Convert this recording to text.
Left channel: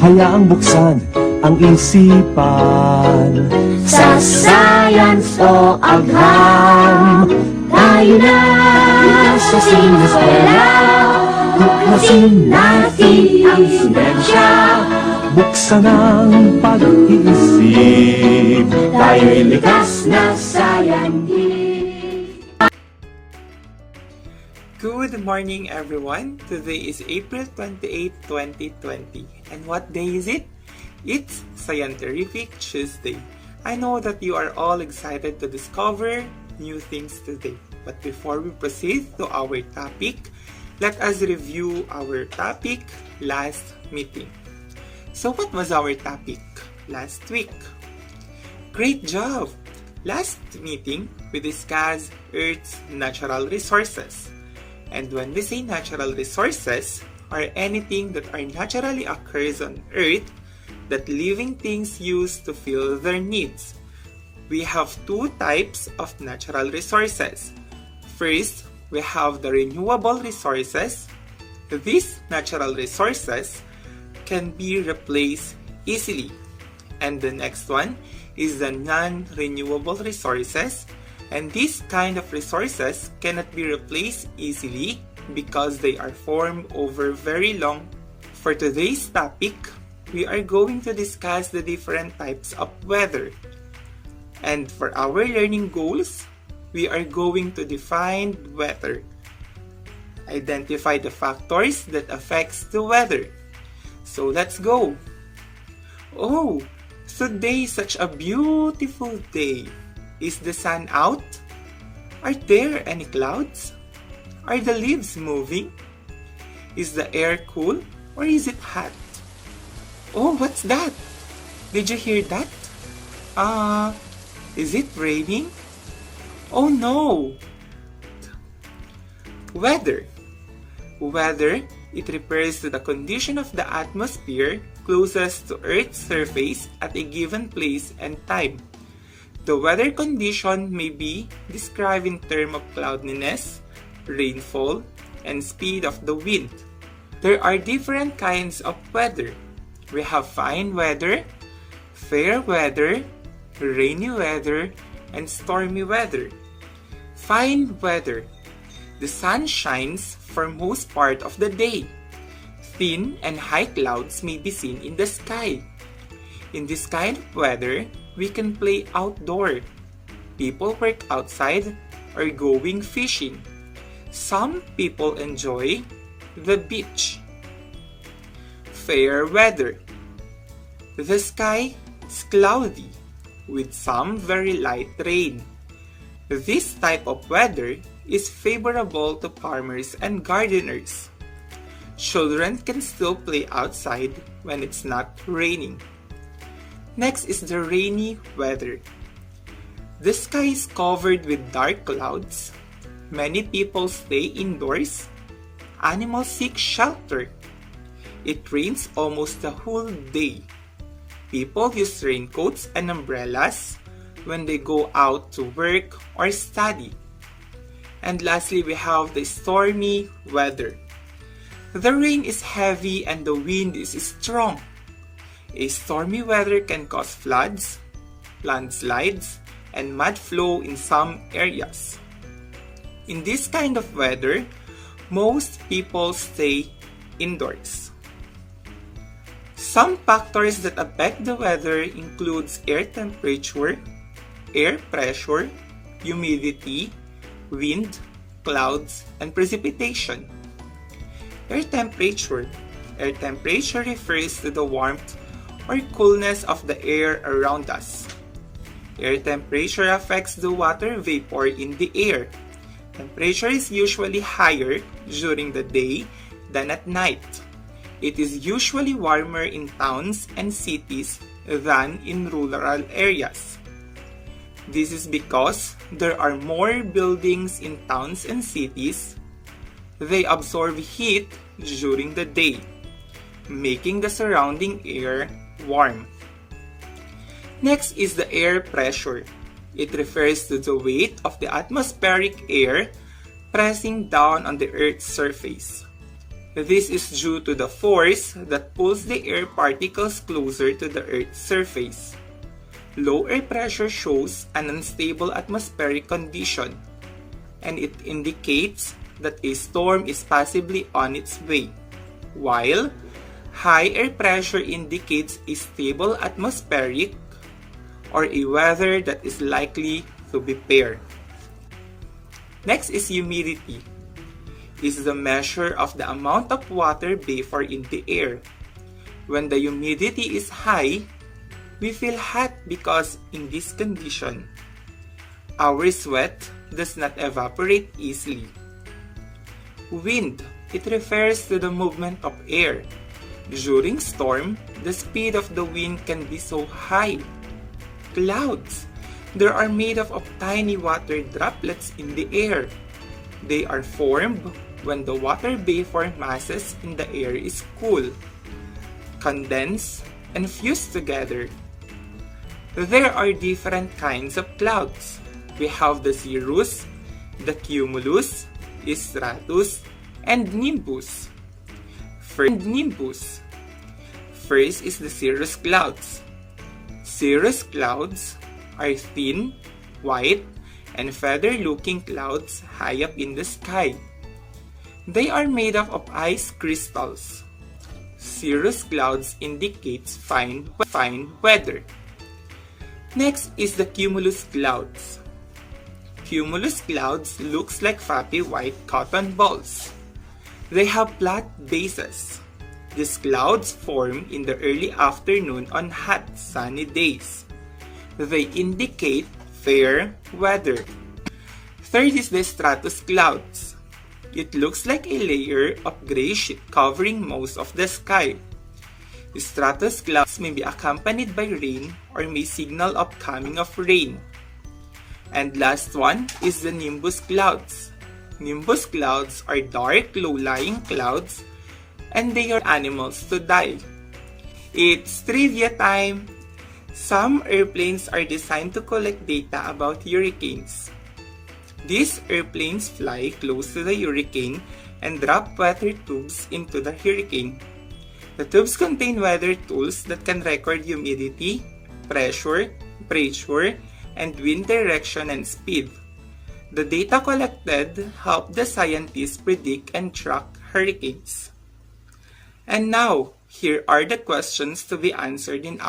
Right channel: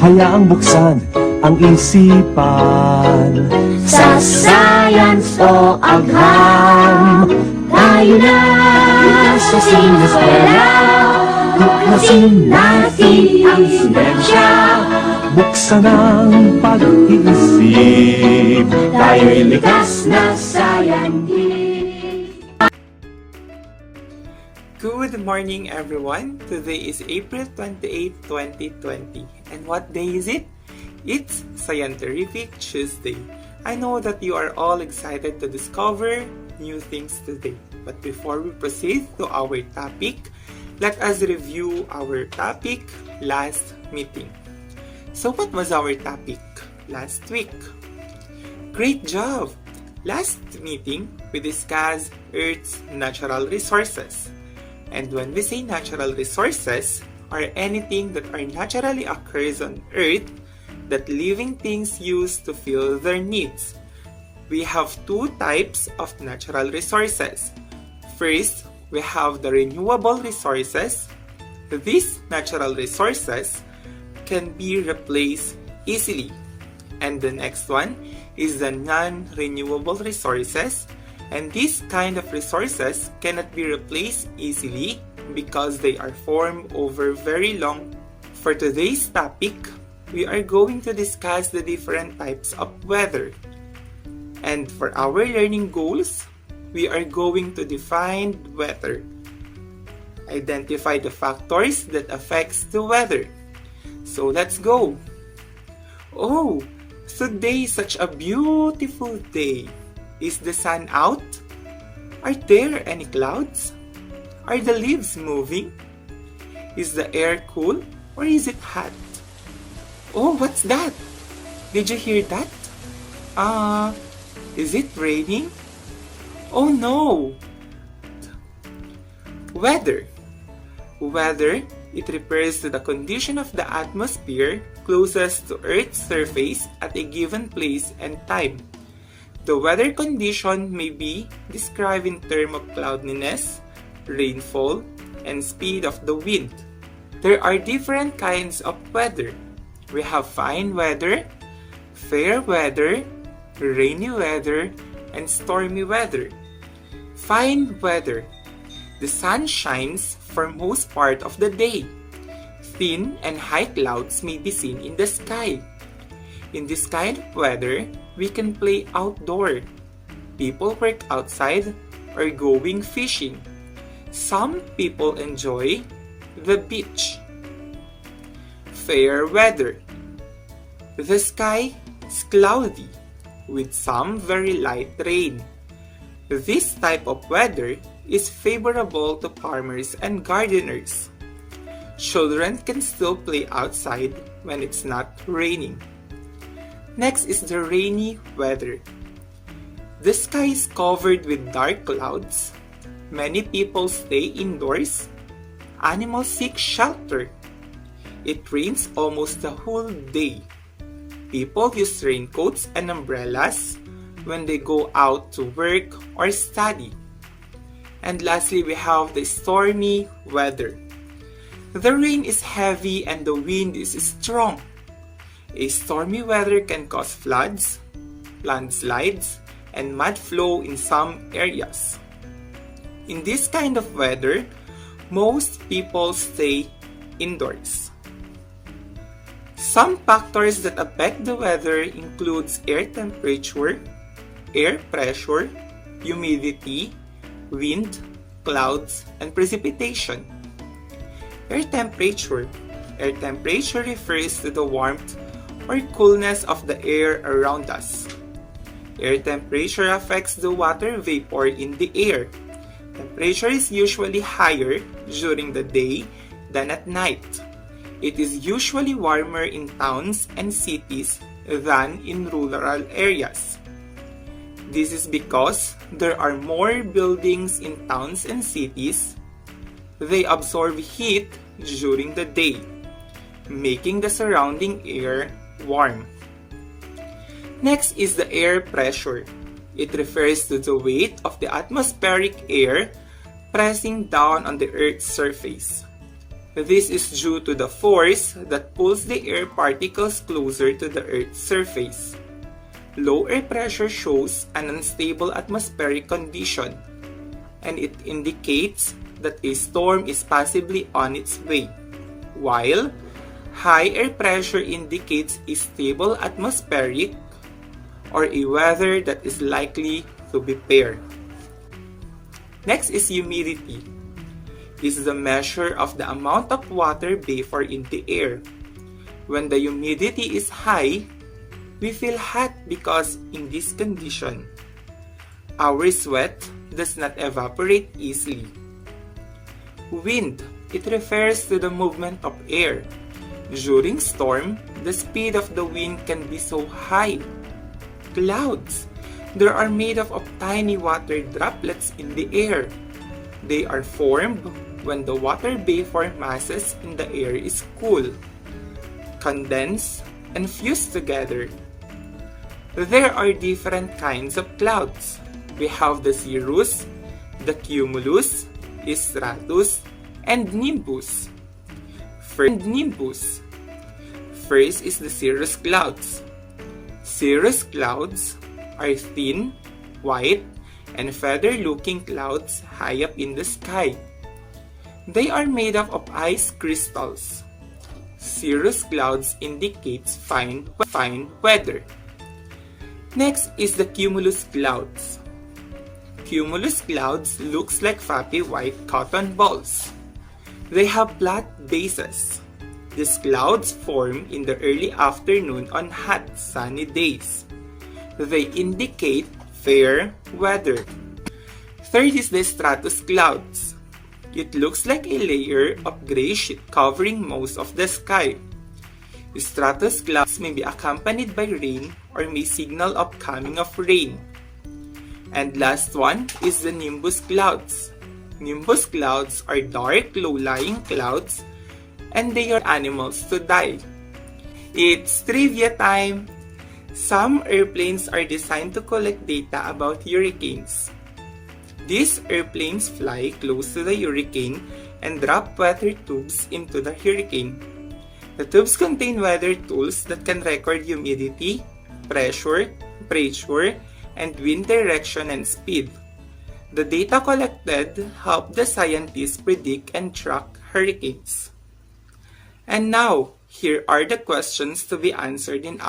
Hayaang buksan ang isipan. Sa science o agham, tayo na sa sinukwela. Tuklasin natin ang siyensya. Buksan ang pag-iisip. Tayo'y likas na scientist. Good morning, everyone. Today is April 28, 2020. And what day is it? It's Scientific Tuesday. I know that you are all excited to discover new things today. But before we proceed to our topic, let us review our topic last meeting. So what was our topic last week? Great job! Last meeting, we discussed Earth's natural resources. And when we say natural resources, or anything that are naturally occurs on Earth that living things use to fill their needs. We have two types of natural resources. First, we have the renewable resources. These natural resources can be replaced easily. And the next one is the non-renewable resources. And these kind of resources cannot be replaced easily because they are formed over very long. For today's topic, we are going to discuss the different types of weather. And for our learning goals, we are going to define weather, identify the factors that affects the weather. So let's go. Oh, today is such a beautiful day. Is the sun out? Are there any clouds? Are the leaves moving? Is the air cool or is it hot? Oh, what's that? Did you hear that? Is it raining? Oh no! Weather. Weather, it refers to the condition of the atmosphere closest to Earth's surface at a given place and time. The weather condition may be described in terms of cloudiness, rainfall, and speed of the wind. There are different kinds of weather. We have fine weather, fair weather, rainy weather, and stormy weather. Fine weather. The sun shines for most part of the day. Thin and high clouds may be seen in the sky. In this kind of weather, we can play outdoor. People work outside or going fishing. Some people enjoy the beach. Fair weather. The sky is cloudy with some very light rain. This type of weather is favorable to farmers and gardeners. Children can still play outside when it's not raining. Next is the rainy weather. The sky is covered with dark clouds. Many people stay indoors. Animals seek shelter. It rains almost the whole day. People use raincoats and umbrellas when they go out to work or study. And lastly, we have the stormy weather. The rain is heavy and the wind is strong. A stormy weather can cause floods, landslides, and mud flow in some areas. In this kind of weather, most people stay indoors. Some factors that affect the weather includes air temperature, air pressure, humidity, wind, clouds, and precipitation. Air temperature. Air temperature refers to the warmth or coolness of the air around us. Air temperature affects the water vapor in the air. Temperature is usually higher during the day than at night. It is usually warmer in towns and cities than in rural areas. This is because there are more buildings in towns and cities. They absorb heat during the day, making the surrounding air warm. Next is the air pressure. It refers to the weight of the atmospheric air pressing down on the Earth's surface. This is due to the force that pulls the air particles closer to the Earth's surface. Low air pressure shows an unstable atmospheric condition, and it indicates that a storm is possibly on its way, while high air pressure indicates a stable atmospheric or a weather that is likely to be fair. Next is humidity. This is a measure of the amount of water vapor in the air. When the humidity is high, we feel hot because in this condition, our sweat does not evaporate easily. Wind, it refers to the movement of air. During storm, the speed of the wind can be so high. Clouds, they are made up of tiny water droplets in the air. They are formed when the water vapor masses in the air is cool, condense, and fuse together. There are different kinds of clouds. We have the cirrus, the cumulus, stratus, and nimbus. First is the cirrus clouds. Cirrus clouds are thin, white, and feather-looking clouds high up in the sky. They are made up of ice crystals. Cirrus clouds indicates fine weather. Next is the cumulus clouds. Cumulus clouds looks like fluffy white cotton balls. They have flat bases. These clouds form in the early afternoon on hot, sunny days. They indicate fair weather. Third is the stratus clouds. It looks like a layer of gray sheet covering most of the sky. Stratus clouds may be accompanied by rain or may signal upcoming of rain. And last one is the nimbus clouds. Nimbus clouds are dark, low-lying clouds, and they are animals to die. It's trivia time! Some airplanes are designed to collect data about hurricanes. These airplanes fly close to the hurricane and drop weather tubes into the hurricane. The tubes contain weather tools that can record humidity, pressure, and wind direction and speed. The data collected help the scientists predict and track hurricanes. And now, here are the questions to be answered in